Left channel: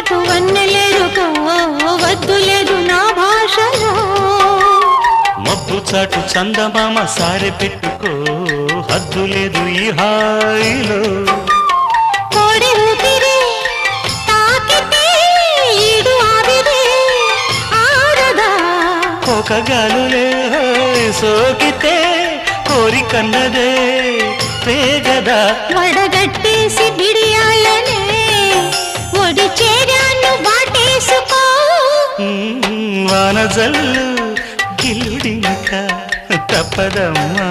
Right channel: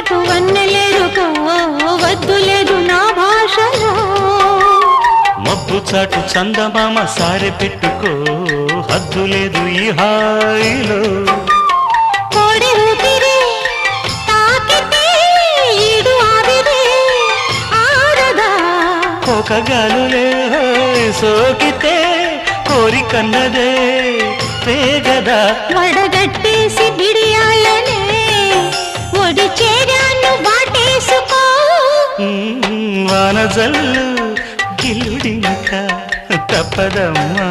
చాటు వన్నెలేరుకో వద్దు లేదు నా భాషలో మబ్బు చాటు చందమామ సారె పెట్టుకో హద్దు లేదు ఈ హాయిలో కోడి ఊపిరి తాకితే ఈడు ఆవిరి ఆరదా ఒక గాలులే సోకితే కోరికన్నదే వేగదా వడగట్టేసి బిడియాలనే ఒడి చేరాను వాటేసుకో వానజల్లు గిల్లుడింక తప్పదమ్మా